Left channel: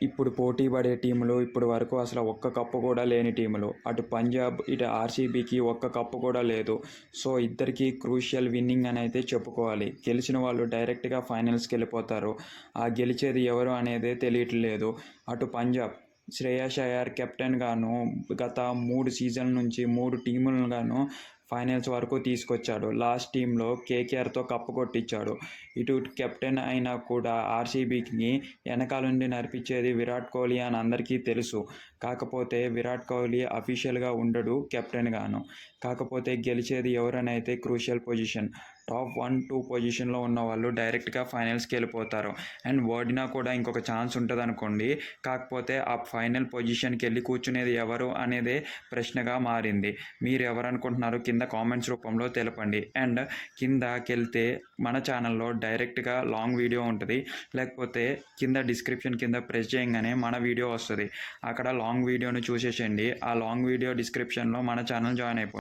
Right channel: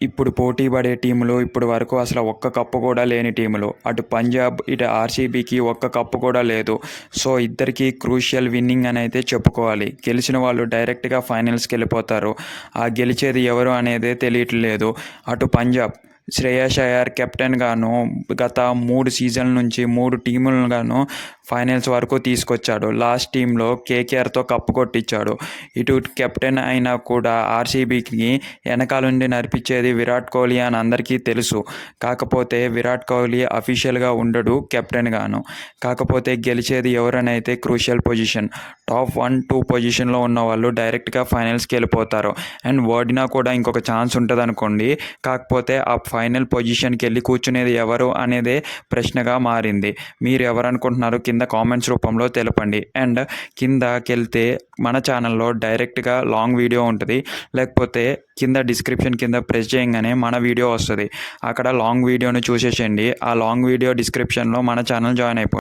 ఇప్పుడు పోటీ పడే టీములు ఇప్పుడు వరకు అసలు ఒక్క కప్పు కూడా లేని టీములు. అటు పంజాబ్, ఇటు ఆర్సీబీకి ఒక్క కప్పు కూడా లేదు. సో ఇద్దరికి క్రూషియల్ విన్నింగ్ అని అయితే చెప్పుకోవాలి. గెలిచిన వాళ్ళు డైరెక్ట్గా ఫైనల్స్కి వెళ్ళిపోతారు. ఆ గెలిచేది ఎవరు అనేదే తెలియట్లేదు. అటు పంజాబ్ శ్రేయస్ అయ్యర్ కెప్టెన్గాను గత 3 సీజన్ల నుంచి 3 టీములను ఫైనల్స్ వరకు తీసుకొచ్చాడు. లాస్ట్ టీంలో కేకేఆర్తో కప్పు కొట్టించాడు. ఇటు కెప్టెన్ అయినా కూడా ఆర్సీబీకి వెనకాలండి నడిపించేది విరాట్ కోహ్లీ అని అందరికీ తెలుసు. కాకపోతే విరాట్ కోహ్లీ అఫీషియల్గా ఉండడు కెప్టెన్గాను. కాకపోతే గెలిచేది ఎవరనైతే క్రూషియల్ పొజిషన్ టాప్ 1-2 పొజిషన్లో ఉన్న వాళ్ళు డైరెక్ట్గా ఫైనల్స్కి వెళ్ళిపోతారు. అండ్ ఓడినా కూడా ఇంకొక ఛాన్స్ ఉంటుంది అనుకోండి. కాకపోతే ఆ ఫైనల్ పొజిషన్కి వెళ్ళి కూర్చునేది ఎవరు అనేదే ప్రశ్నగా మారింది. మీరు ఎవరు అనుకుంటున్నారు కింద కామెంట్స్ రూపంలో తెలపండి. అండ్ కిందకెళ్తే మన ఛానల్లో డైరెక్ట్గా లాంగ్ వీడియో ఉంటుంది. లేకపోతే కింద డిస్క్రిప్షన్ కింద ప్రెస్ చేయగానే మన వీడియో వస్తుంది. అక్కడ లాంగ్ వీడియోను చూసేసేయండి. ఆ లాంగ్ వీడియో డిస్క్రిప్షన్లో మన ఛానల్ జాయిన్ అయిపోయింది.